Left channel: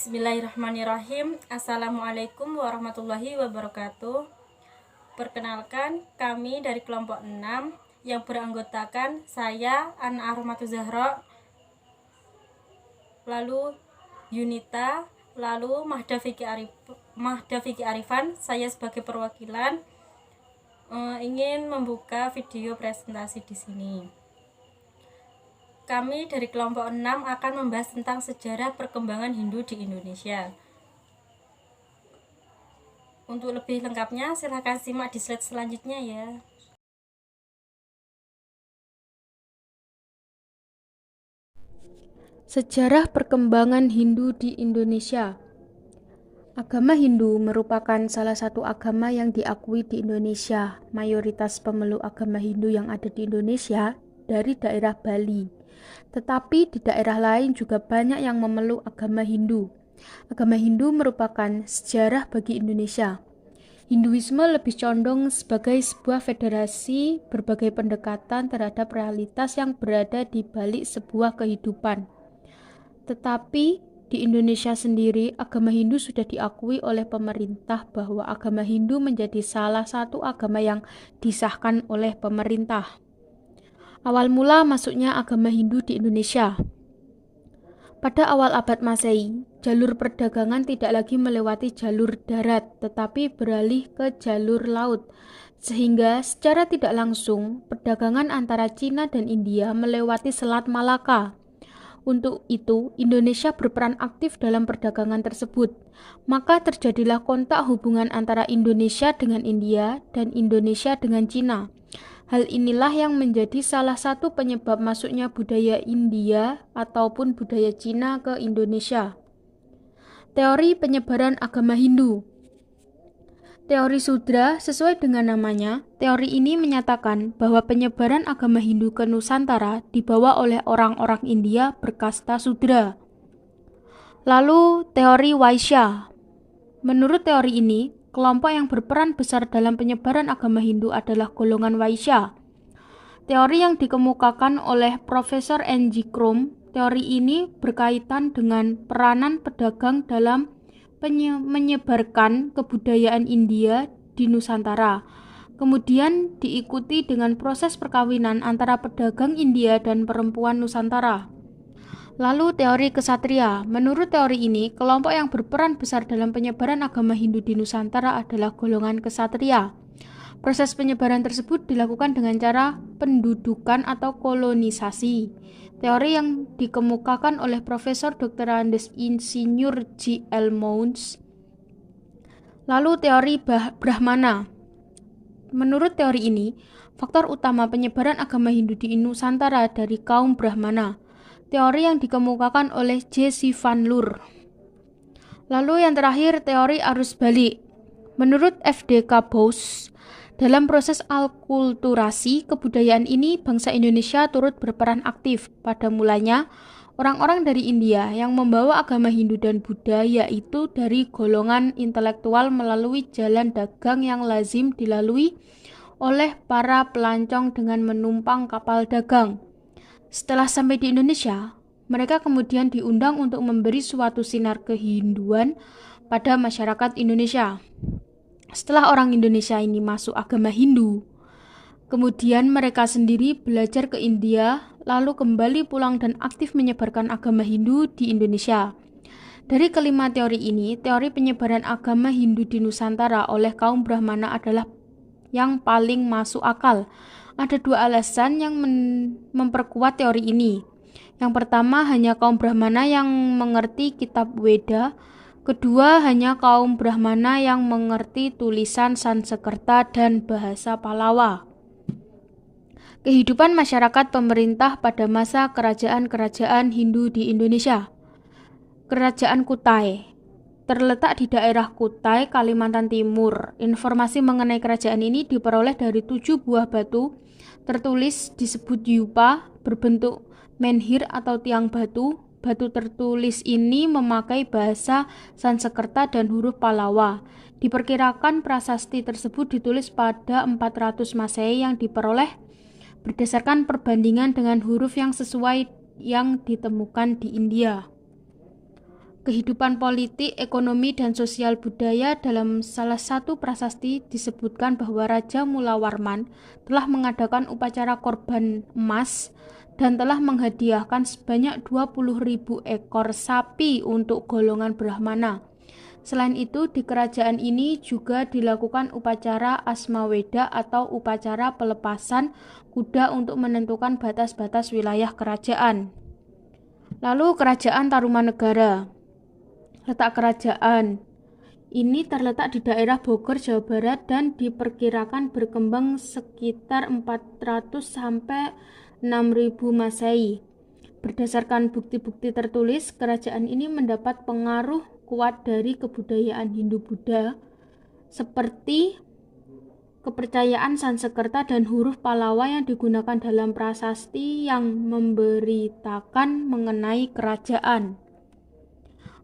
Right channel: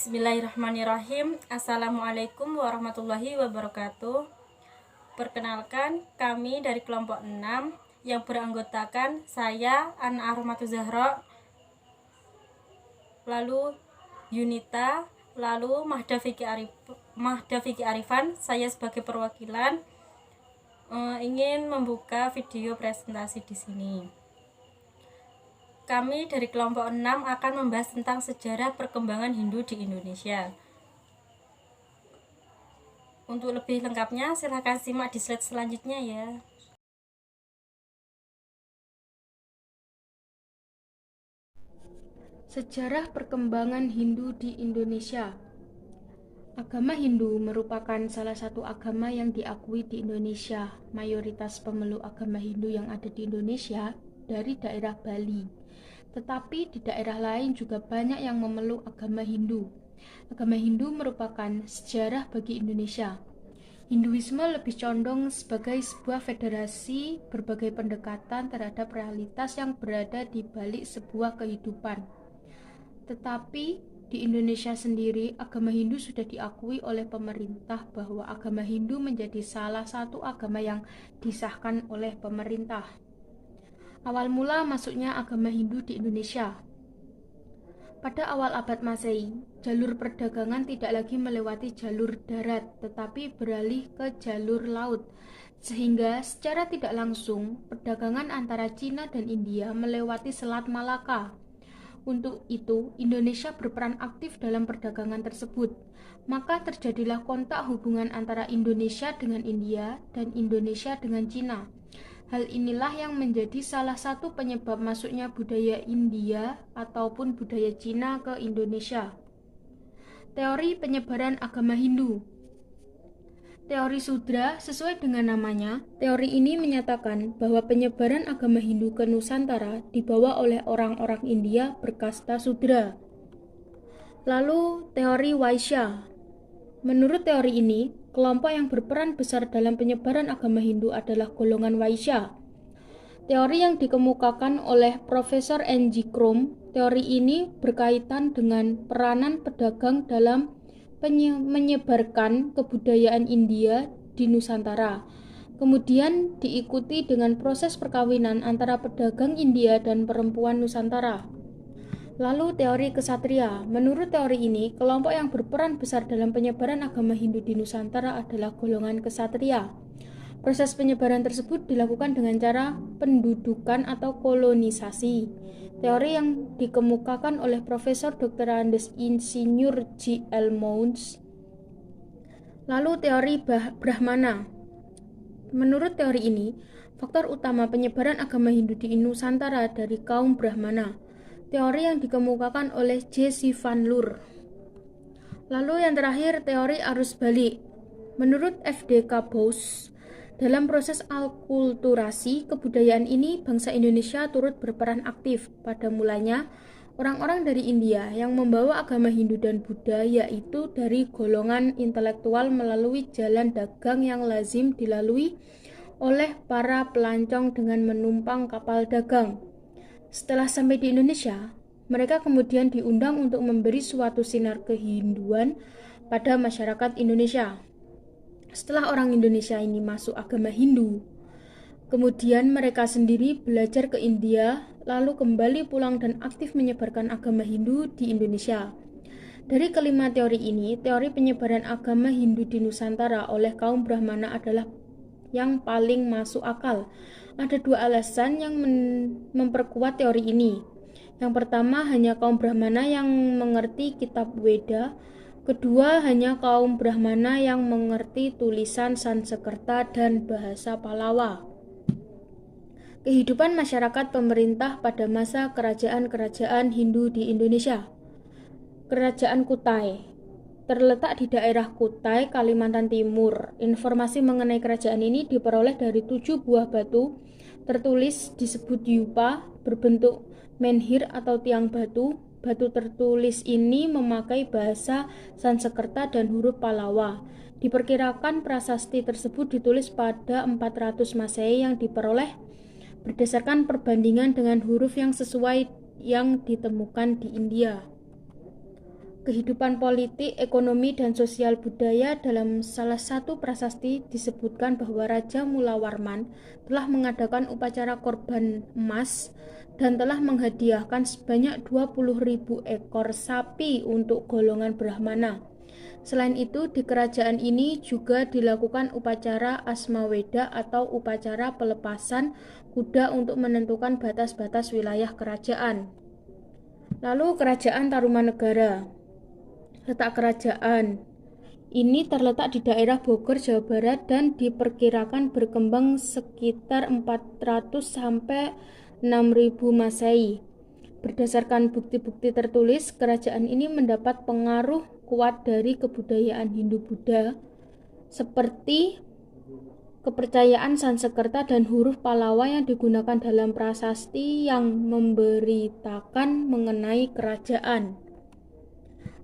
Bismillahirrahmanirrahim. Assalamualaikum warahmatullahi wabarakatuh. Perkenalkan, kami dari kelompok 6 yang beranggotakan saya, Ana Ahromatul Zahra, lalu Yunita, lalu Mahda Vicky Arifan. Saya sebagai perwakilan ingin membuka video presentasi di sini. Kami dari kelompok 6 akan membahas tentang sejarah perkembangan Hindu di Indonesia. Untuk lebih lengkapnya, silahkan simak di slide selanjutnya ya. Sejarah perkembangan Hindu di Indonesia. Agama Hindu merupakan salah satu agama yang diakui di Indonesia. Mayoritas pemeluk agama Hindu yang ada di Indonesia dari daerah Bali. Tetapi di daerah lain juga banyak yang memeluk agama Hindu. Agama Hindu merupakan sejarah bagi Indonesia. Hinduisme lebih condong sebagai sebuah federasi berbagai pendekatan terhadap realitas yang berada di balik sebuah kehidupan. Tetapi di Indonesia sendiri, agama Hindu sudah diakui oleh pemerintah bahwa agama Hindu menjadi salah satu agama yang disahkan oleh pemerintah. Awal mula masuknya agama Hindu di Indonesia. Pada awal abad Masehi, jalur perdagangan tidak lagi melewati jalur darat, tetapi beralih ke jalur laut, sehingga secara tidak langsung perdagangan antara Cina dan India melewati Selat Malaka. Untuk itu, Indonesia berperan aktif dalam perdagangan tersebut. Maka terjadilah kontak hubungan antara Indonesia dengan India dan Indonesia dengan Cina. Hal inilah yang menjadi salah satu penyebab masuknya budaya India ataupun budaya Cina ke Indonesia. Teori penyebaran agama Hindu. Teori Sudra sesuai dengan namanya, teori ini menyatakan bahwa penyebaran agama Hindu ke Nusantara dibawa oleh orang-orang India berkasta Sudra. Lalu teori Vaishya. Menurut teori ini, kelompok yang berperan besar dalam penyebaran agama Hindu adalah golongan Vaishya. Teori yang dikemukakan oleh Profesor N.G. Krom, teori ini berkaitan dengan peranan pedagang dalam menyebarkan kebudayaan India di Nusantara. Kemudian diikuti dengan proses perkawinan antara pedagang India dan perempuan Nusantara. Lalu teori kesatria. Menurut teori ini, kelompok yang berperan besar dalam penyebaran agama Hindu di Nusantara adalah golongan kesatria. Proses penyebaran tersebut dilakukan dengan cara pendudukan atau kolonisasi. Teori yang dikemukakan oleh Profesor Dr. Andes Insinyur J. L. Mounds. Lalu teori Brahmana. Menurut teori ini, faktor utama penyebaran agama Hindu di Nusantara dari kaum Brahmana. Teori yang dikemukakan oleh J. C. Van Loor. Lalu yang terakhir, teori arus balik. Menurut F. D. K. Bose, dalam proses alkulturasi kebudayaan ini, bangsa Indonesia turut berperan aktif. Pada mulanya, orang-orang dari India yang membawa agama Hindu dan Buddha yaitu dari golongan intelektual melalui jalan dagang yang lazim dilalui oleh para pelancong dengan menumpang kapal dagang. Setelah sampai di Indonesia, mereka kemudian diundang untuk memberi suatu sinar kehinduan pada masyarakat Indonesia. Setelah orang Indonesia ini masuk agama Hindu, kemudian mereka sendiri belajar ke India, lalu kembali pulang dan aktif menyebarkan agama Hindu di Indonesia. Dari kelima teori ini, teori penyebaran agama Hindu di Nusantara oleh kaum Brahmana adalah yang paling masuk akal. Ada dua alasan yang memperkuat teori ini. Yang pertama, hanya kaum Brahmana yang mengerti kitab Weda. Kedua, hanya kaum Brahmana yang mengerti tulisan Sanskerta dan bahasa Pallava. Kehidupan masyarakat pemerintah pada masa kerajaan-kerajaan Hindu di Indonesia. Kerajaan Kutai terletak di daerah Kutai, Kalimantan Timur. Informasi mengenai kerajaan ini diperoleh dari 7 buah batu tertulis disebut yupa berbentuk menhir atau tiang batu. Batu tertulis ini memakai bahasa Sanskerta dan huruf Pallava. Diperkirakan prasasti tersebut ditulis pada 400 Masehi yang diperoleh berdasarkan perbandingan dengan huruf yang sesuai yang ditemukan di India. Kehidupan politik, ekonomi, dan sosial budaya. Dalam salah satu prasasti disebutkan bahwa Raja Mulawarman telah mengadakan upacara korban emas dan telah menghadiahkan sebanyak 20.000 ekor sapi untuk golongan Brahmana. Selain itu, di kerajaan ini juga dilakukan upacara Asmaweda atau upacara pelepasan kuda untuk menentukan batas-batas wilayah kerajaan. Lalu Kerajaan Tarumanegara. Letak kerajaan ini terletak di daerah Bogor, Jawa Barat dan diperkirakan berkembang sekitar 400 sampai 6000 Masehi. Berdasarkan bukti-bukti tertulis, kerajaan ini mendapat pengaruh kuat dari kebudayaan Hindu-Buddha seperti kepercayaan Sansekerta dan huruf Pallava yang digunakan dalam prasasti yang memberitakan mengenai kerajaan.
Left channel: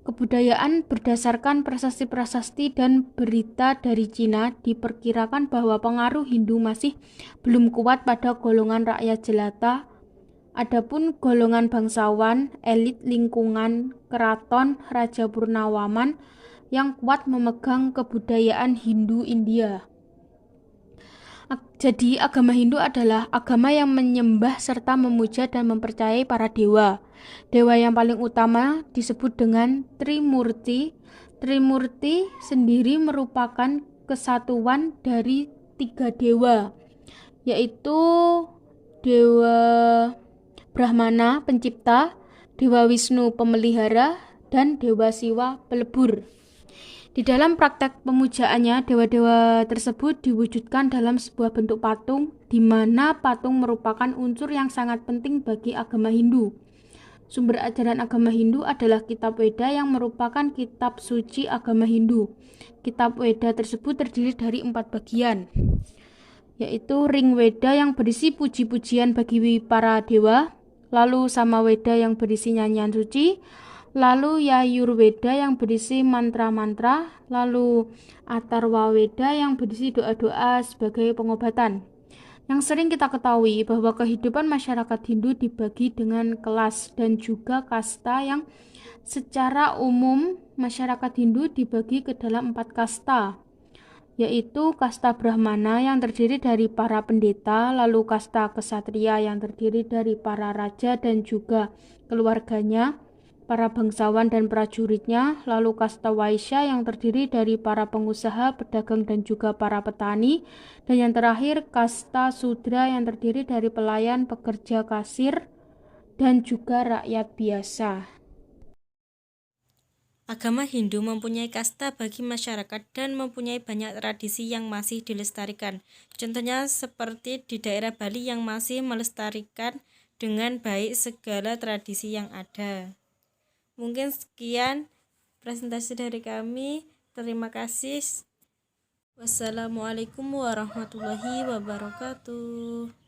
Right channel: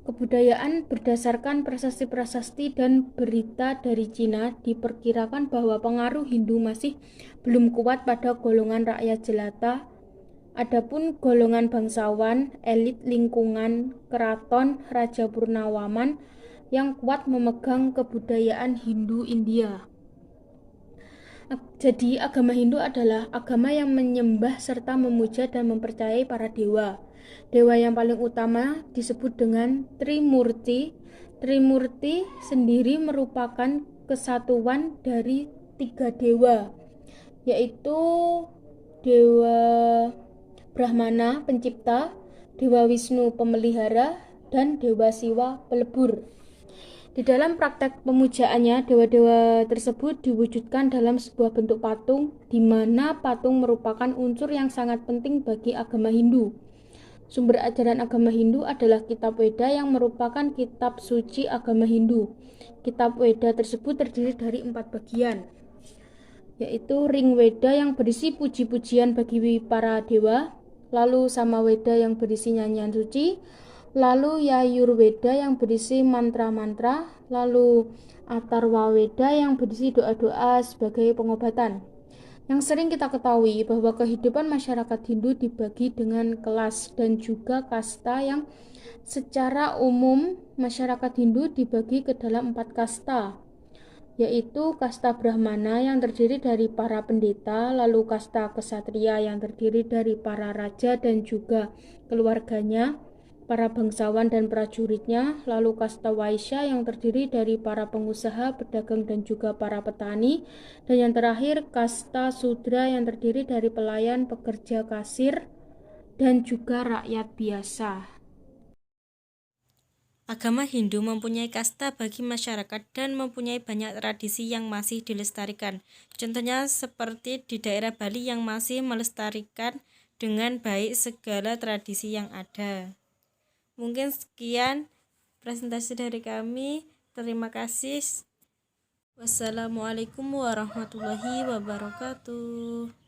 Kebudayaan berdasarkan prasasti-prasasti dan berita dari Cina diperkirakan bahwa pengaruh Hindu masih belum kuat pada golongan rakyat jelata. Adapun golongan bangsawan, elit lingkungan keraton Raja Purnawarman yang kuat memegang kebudayaan Hindu India. Jadi agama Hindu adalah agama yang menyembah serta memuja dan mempercayai para dewa. Dewa yang paling utama disebut dengan Trimurti. Trimurti sendiri merupakan kesatuan dari 3 dewa, yaitu Dewa Brahmana pencipta, Dewa Wisnu pemelihara, dan Dewa Siwa pelebur. Di dalam praktek pemujaannya, dewa-dewa tersebut diwujudkan dalam sebuah bentuk patung, di mana patung merupakan unsur yang sangat penting bagi agama Hindu. Sumber ajaran agama Hindu adalah Kitab Weda yang merupakan kitab suci agama Hindu. Kitab Weda tersebut terdiri dari 4 bagian, yaitu Ring Weda yang berisi puji-pujian bagi para dewa, lalu Samaweda yang berisi nyanyian suci, lalu Yajurveda yang berisi mantra-mantra, lalu Atharvaveda yang berisi doa-doa sebagai pengobatan. Yang sering kita ketahui bahwa kehidupan masyarakat Hindu dibagi dengan kelas dan juga kasta yang secara umum masyarakat Hindu dibagi ke dalam 4 kasta, yaitu kasta Brahmana yang terdiri dari para pendeta, lalu kasta Ksatria yang terdiri dari para raja dan juga keluarganya, para bangsawan dan prajuritnya, lalu kasta Waisya yang terdiri dari para pengusaha, pedagang dan juga para petani, dan yang terakhir kasta Sudra yang terdiri dari pelayan, pekerja kasir, dan juga rakyat biasa. Agama Hindu mempunyai kasta bagi masyarakat dan mempunyai banyak tradisi yang masih dilestarikan. Contohnya seperti di daerah Bali yang masih melestarikan dengan baik segala tradisi yang ada. Mungkin sekian presentasi dari kami. Terima kasih. Wassalamualaikum warahmatullahi wabarakatuh.